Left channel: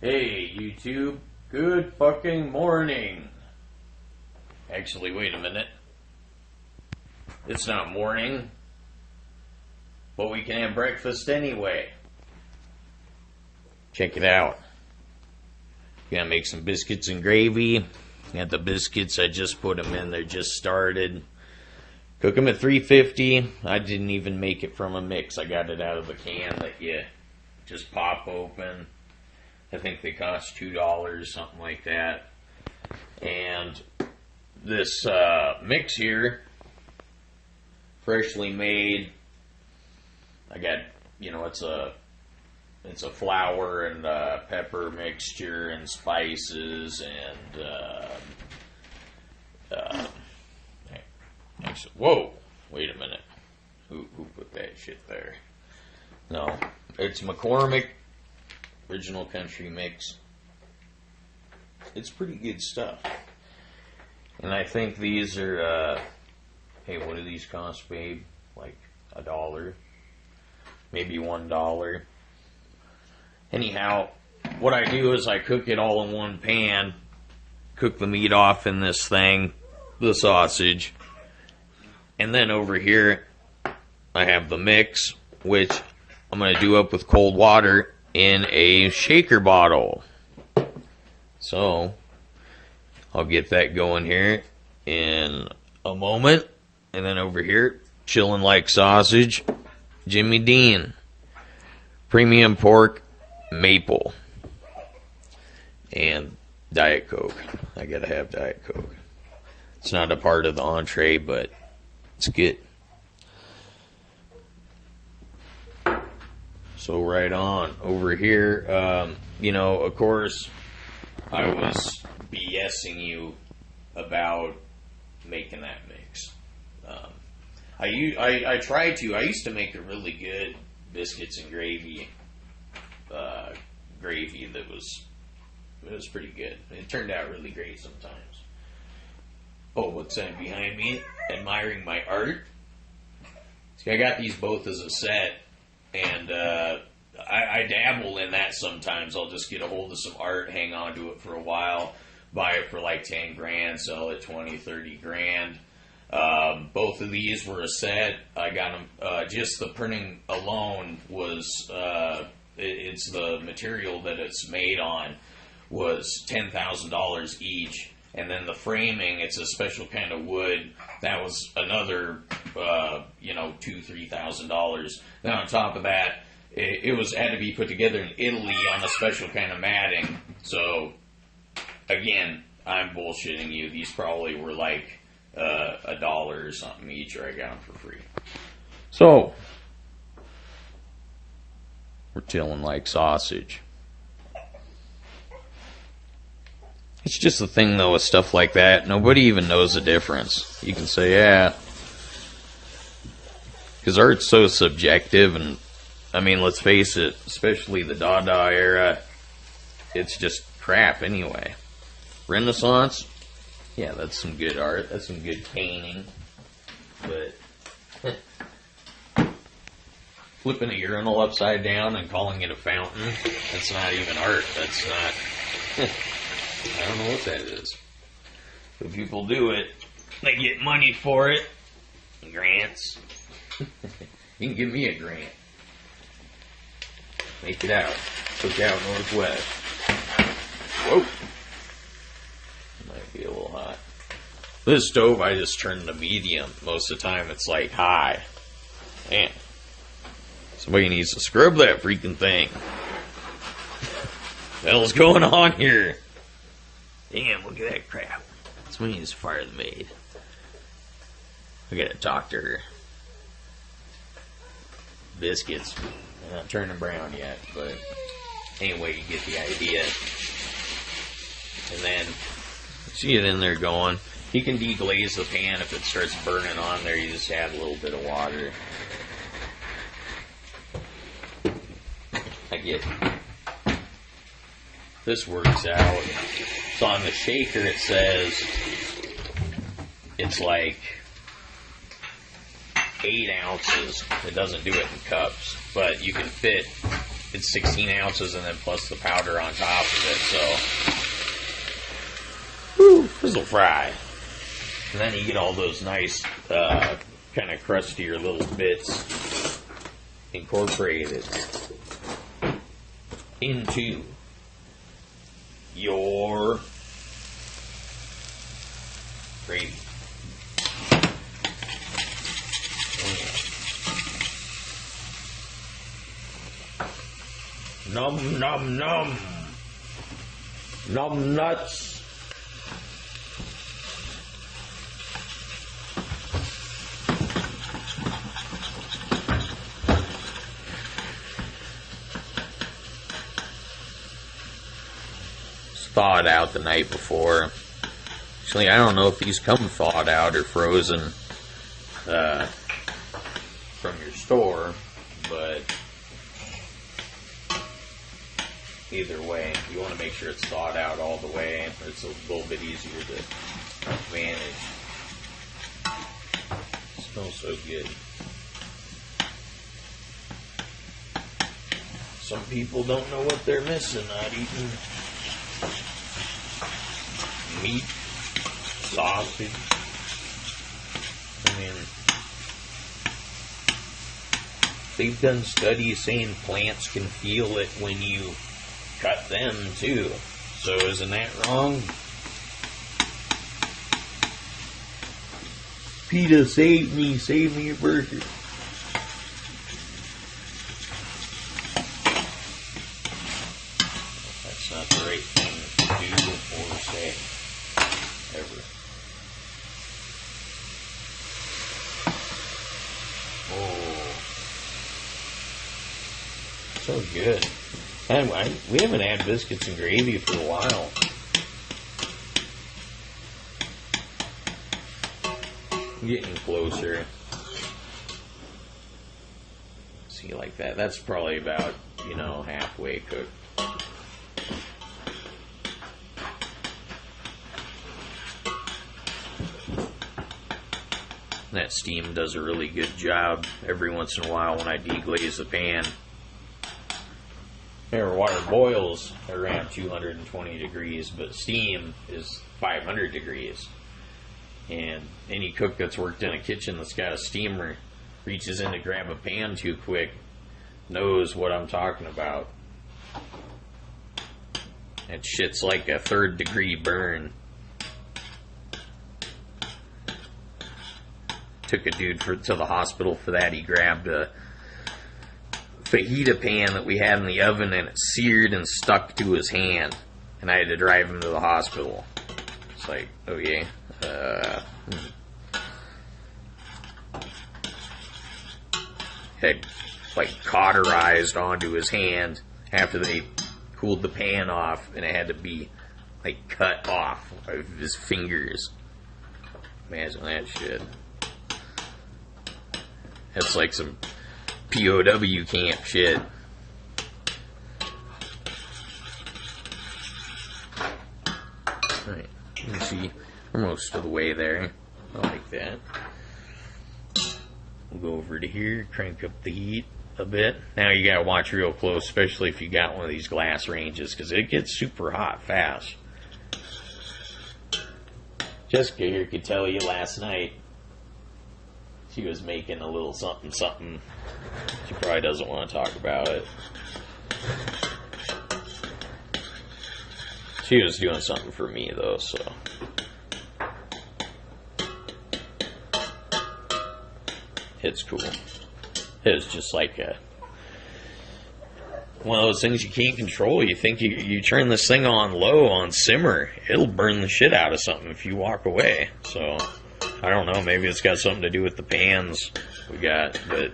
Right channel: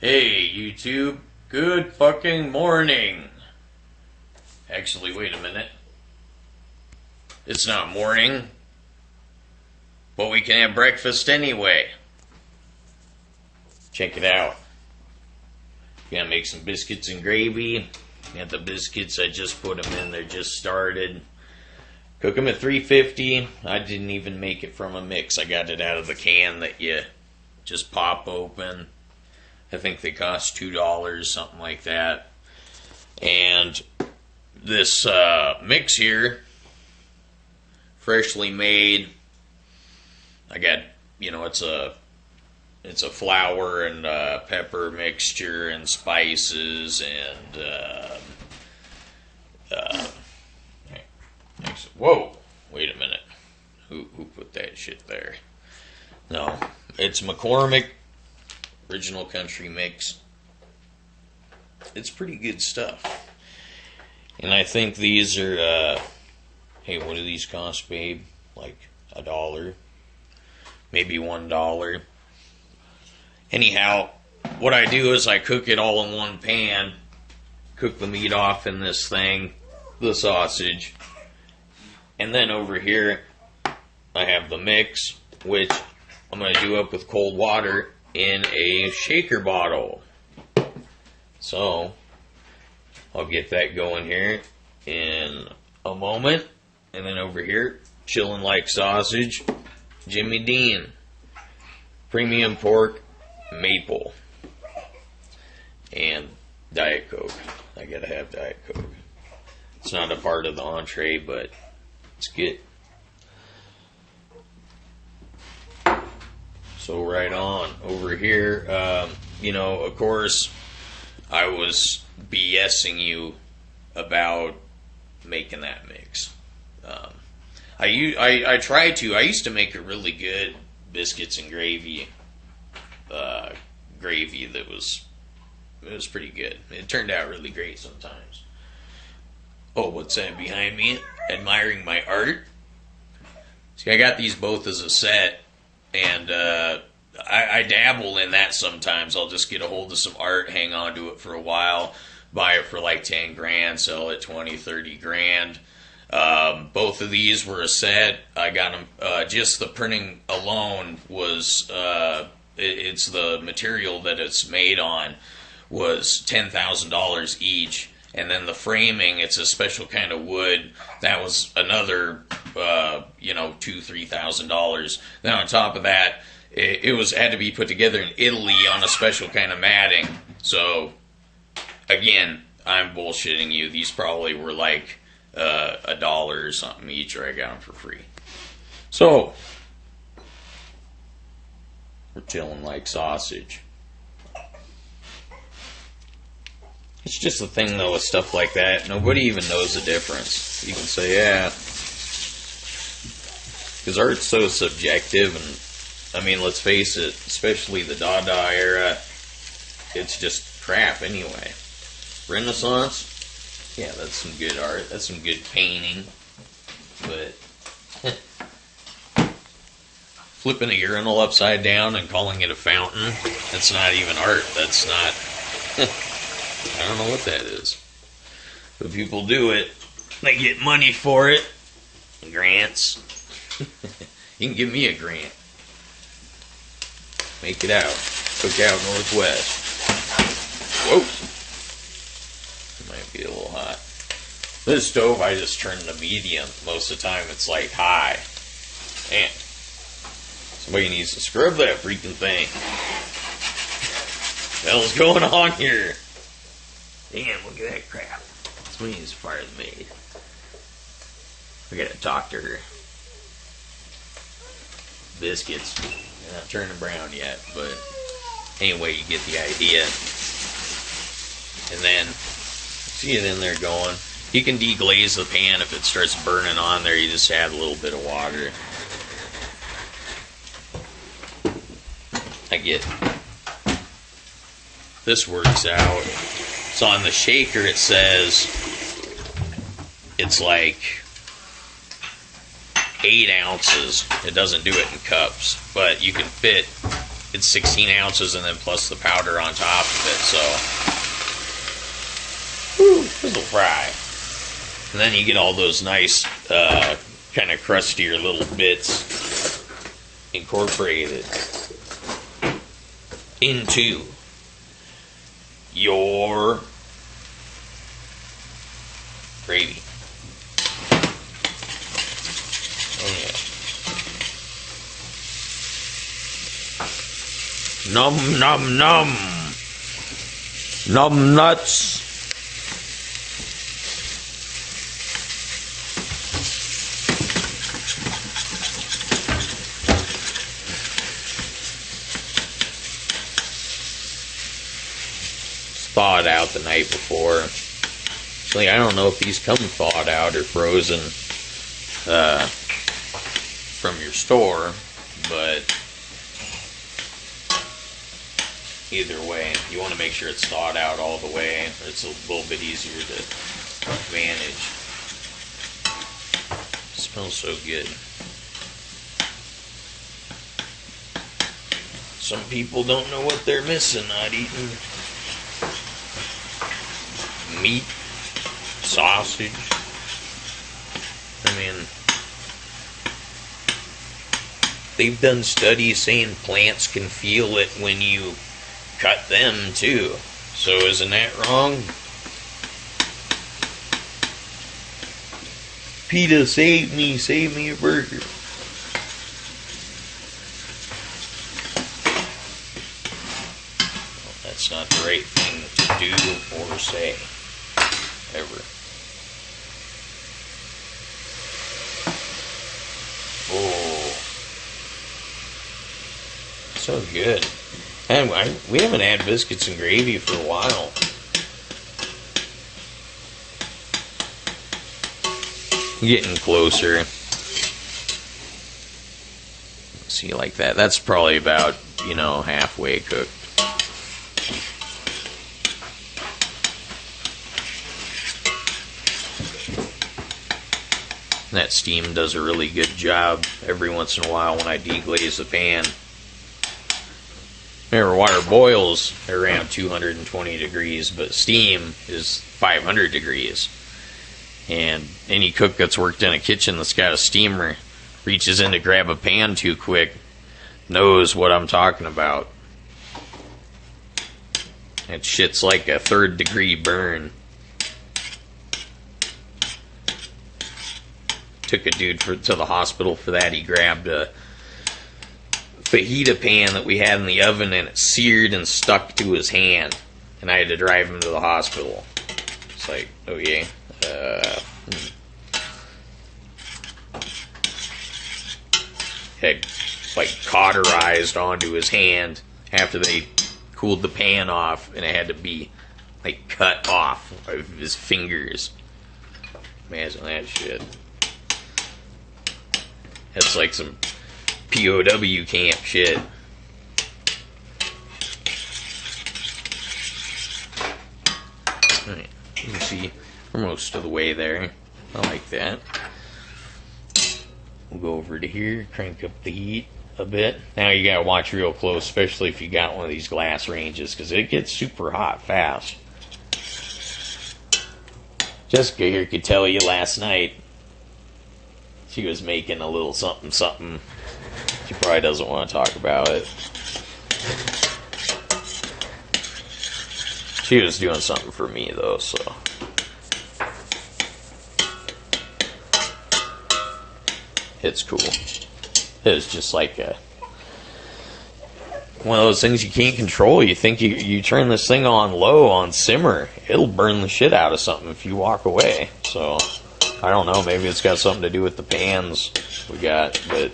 Hey, YouTube. Good fucking morning. Actually, wait a minute. It's not morning, but we can have breakfast anyway. Check it out. Gonna make some biscuits and gravy. Got the biscuits, I just put them in, they're just started. Cook them at 350. I didn't even make it from a mix. I got it out of the can that you just pop open. I think they cost $2, something like that. And this mix here, freshly made. I got, it's a flour and pepper mixture and spices and whoa, wait a minute. Who put that shit there? No, it's McCormick original country mix. It's pretty good stuff. And I think these are hey, what do these cost, babe? Like $1, maybe $1. Anyhow, what I do is I cook it all in one pan, cook the meat off in this thing, the sausage, and then over here I have the mix, which I'm going to do up with cold water in a shaker bottle. So I'll get that going here in a moment. And then over here, chilling like sausage, Jimmie Dean, premium pork, maple, and Diet Coke. I gotta have Diet Coke. It's not a part of the entree, but it's good. So right on over here, of course, I was BSing you about making that mix. I used to make a really good biscuits and gravy that was pretty good. It turned out really great sometimes. Oh, what's that behind me? Admiring my art? See, I got these both as a set, and I dabble in that sometimes. I'll just get a hold of some art, hang on to it for a while, buy it for like 10 grand, sell it 20, 30 grand. Both of these were a set. I got them, just the printing alone was, it's the material that it's made on was $10,000 each. And then the framing, it's a special kind of wood. That was another, $2,000-$3,000. Then on top of that, it had to be put together in Italy on a special kind of matting. So, again, I'm bullshitting you. These probably were like $1 or something each, or I got them for free. So, we're chilling like sausage. It's just the thing, though, with stuff like that. Nobody even knows the difference. You can say, yeah. Because art's so subjective, and, I mean, let's face it, especially the Dada era, it's just crap anyway. Renaissance, yeah, that's some good art. That's some good painting. But flipping a urinal upside down and calling it a fountain, that's not even art. That's not... I don't know what that is. But people do it. They get money for it. Grants. You can give me a grant. Make it out. COOKOUT Northwest. Whoa. Might be a little hot. This stove I just turned to medium. Most of the time it's like high. Man. Somebody needs to scrub that freaking thing. What the hell's going on here? Damn, look at that crap. This means part of the maid. I gotta talk to her. Biscuits. They're not turning brown yet, but anyway, you get the idea. And then, see it in there going. You can deglaze the pan if it starts burning on there. You just add a little bit of water. I get this works out. So on the shaker it says it's like 8 ounces. It doesn't do it in cups, but you can fit it's 16 ounces and then plus the powder on top of it, so whew, this'll fry. And then you get all those nice kind of crustier little bits incorporated into your gravy. Oh yeah. Num num num. Num nuts. Thawed out the night before. Actually, I don't know if these come thawed out or frozen from your store, but either way, you want to make sure it's thawed out all the way. It's a little bit easier to manage. It smells so good. Some people don't know what they're missing not eating meat, sausage. I mean, they've done studies saying plants can feel it when you cut them too. So isn't that wrong? PETA, save me a burger. Well, that's not the right thing to do or say. Ever. Oh, so good. And we haven't had biscuits and gravy for a while. Getting closer. See, like that. That's probably about, halfway cooked. That steam does a really good job every once in a while when I deglaze the pan. Remember, water boils around 220 degrees, but steam is 500 degrees. And any cook that's worked in a kitchen that's got a steamer reaches in to grab a pan too quick knows what I'm talking about. That shit's like a 3rd degree burn. Took a dude to the hospital for that. He grabbed a fajita pan that we had in the oven and it seared and stuck to his hand. And I had to drive him to the hospital. It's like, okay. Had like cauterized onto his hand after they cooled the pan off, and it had to be like cut off of his fingers. Imagine that shit. That's like some POW camp shit. Alright, you can see we're most of the way there. I like that. We'll go over to here, crank up the heat a bit. Now you gotta watch real close, especially if you got one of these glass ranges, because it gets super hot fast. Jessica here could tell you last night she was making a little something something. She probably doesn't want to talk about it. She was doing something for me though, so it's cool. It was just like one of those things you can't control. You think you turn this thing on low, on simmer, it'll burn the shit out of something if you walk away. So I don't know, maybe it's got something to do with the pans we got, but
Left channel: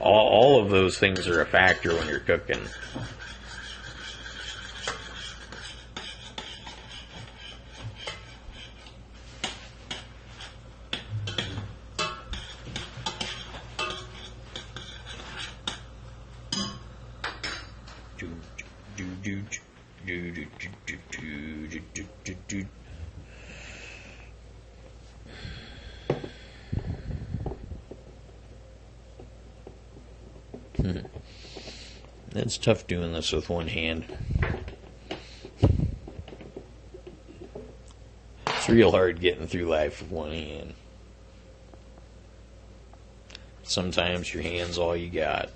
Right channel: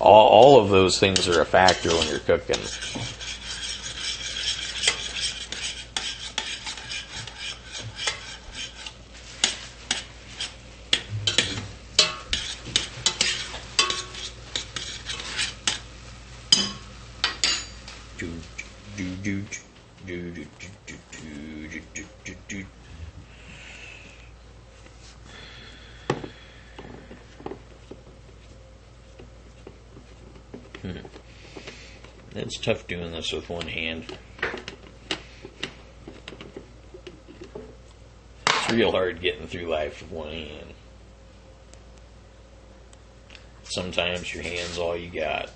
all of those things are a factor when you're cooking. It's tough doing this with one hand. It's real hard getting through life with one hand. Sometimes your hand's all you got.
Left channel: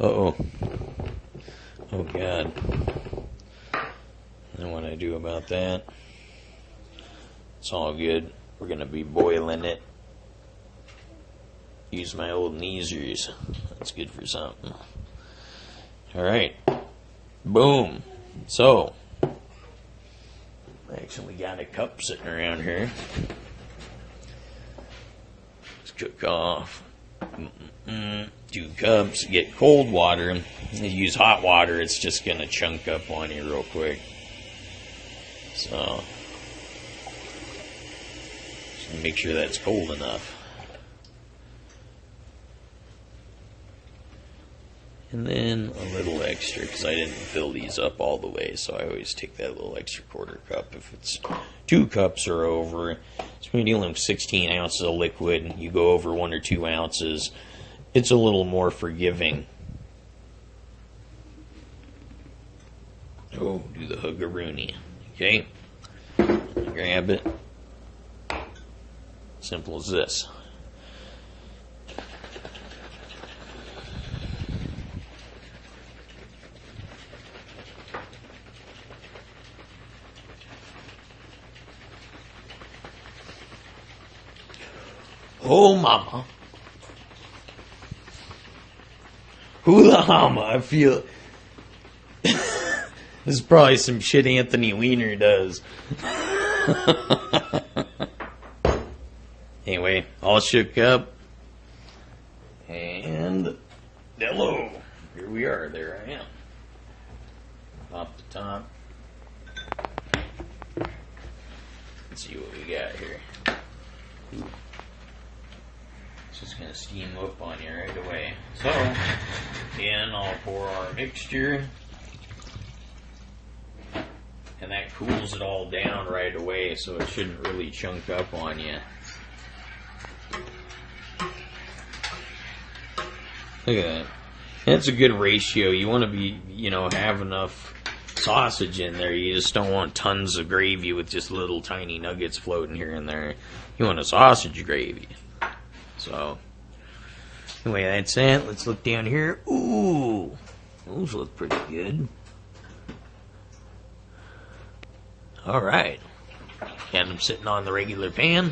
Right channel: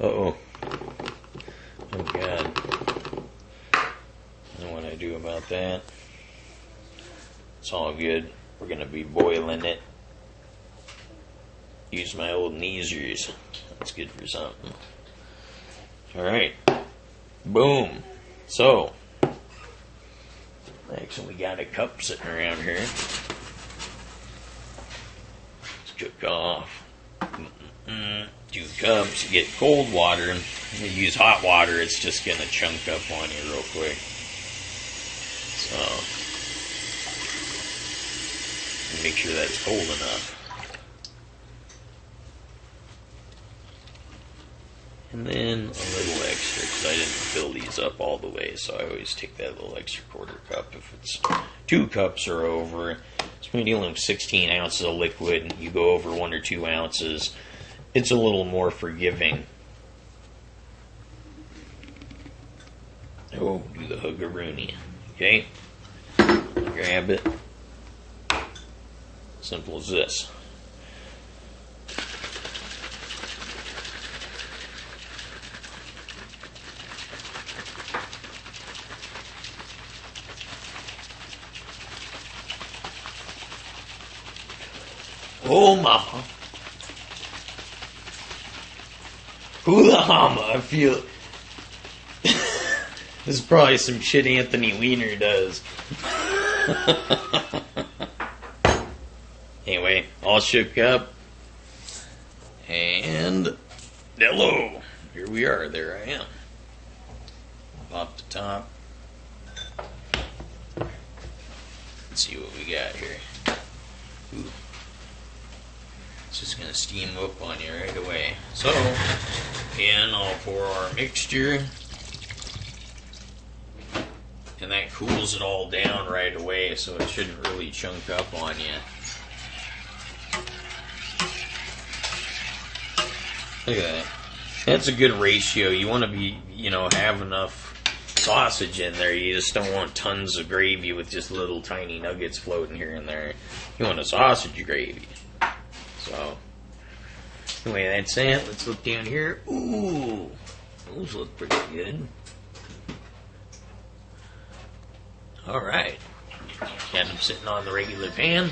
Uh-oh. Oh, God. And what I do about that? It's all good. We're going to be boiling it. Use my old kneesers. That's good for something. Alright. Boom. So, actually, we got a cup sitting around here. Let's cook off 2 cups. Get cold water. You use hot water, it's just going to chunk up on you real quick. So, make sure that's cold enough. And then a little extra, because I didn't fill these up all the way, so I always take that little extra quarter cup. If it's 2 cups or over, so when you're dealing with 16 ounces of liquid, you go over 1 or 2 ounces, it's a little more forgiving. Oh, do the huggaroony. Okay, grab it. Simple as this. Oh, mama. Hula hama, I feel. This is probably some shit Anthony Weiner does. Anyway, all shook up. And hello. Here we are. There I am. Pop the top. Let's see what we got here. Ooh. It's just going to steam up on you right away. So, again, I'll pour our mixture. And that cools it all down right away, so it shouldn't really chunk up on you. Look at that. That's a good ratio. You want to be, have enough sausage in there. You just don't want tons of gravy with just little tiny nuggets floating here and there. You want a sausage gravy. So, anyway, that's it. Let's look down here. Ooh, those look pretty good. Alright. Got them sitting on the regular pan.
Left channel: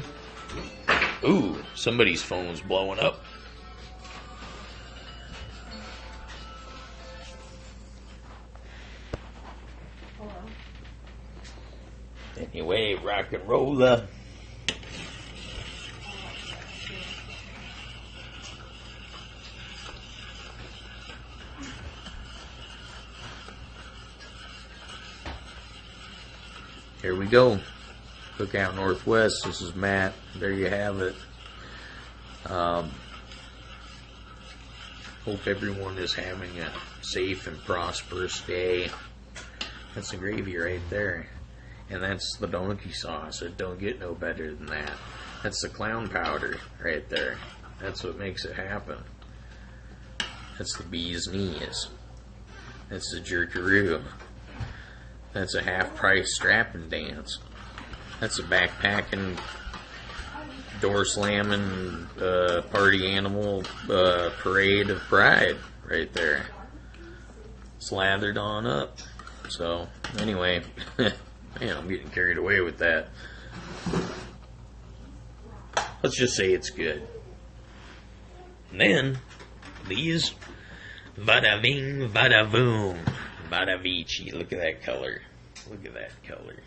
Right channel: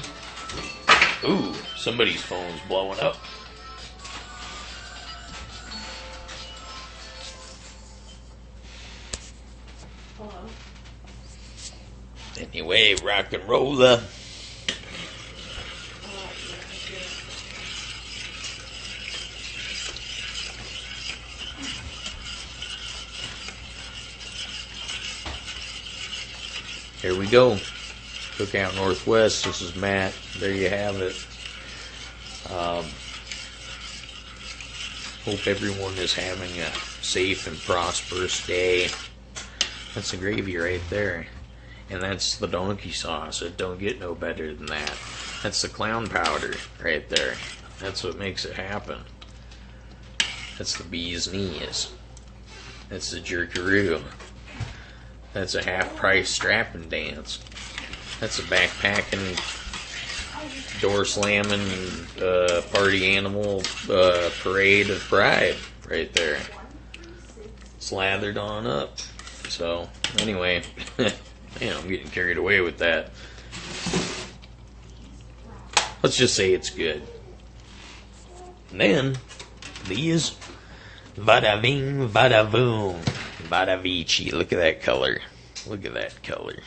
Ooh, somebody's phone's blowing up. Hello. Anyway, rock and roller. Here we go. Cookout Northwest. This is Matt. There you have it. Hope everyone is having a safe and prosperous day. That's the gravy right there. And that's the donkey sauce. It don't get no better than that. That's the clown powder right there. That's what makes it happen. That's the bee's knees. That's the jerkaroo. That's a half-price strapping dance. That's a backpacking, door-slamming, party animal parade of pride right there. Slathered on up. So, anyway, man, I'm getting carried away with that. Let's just say it's good. And then, these, bada bing, bada boom. Bada Vici. Look at that color. Look at that color.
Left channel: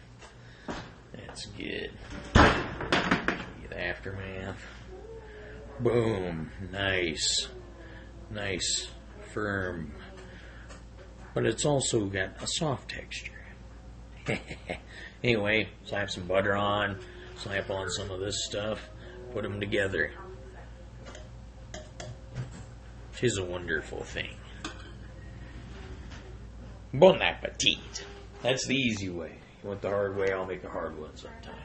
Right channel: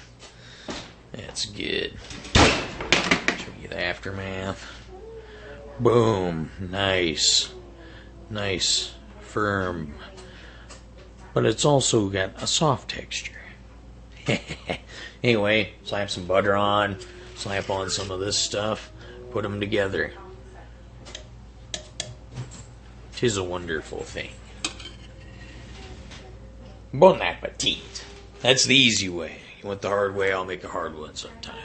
That's good. Show you the aftermath. Boom. Nice. Nice. Firm. But it's also got a soft texture. Anyway, slap some butter on. Slap on some of this stuff. Put them together. Tis a wonderful thing. Bon appetit. That's the easy way. You want the hard way, I'll make a hard one sometime.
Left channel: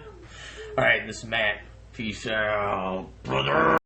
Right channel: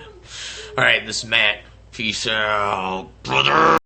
Alright, this is Matt. Peace out, brother.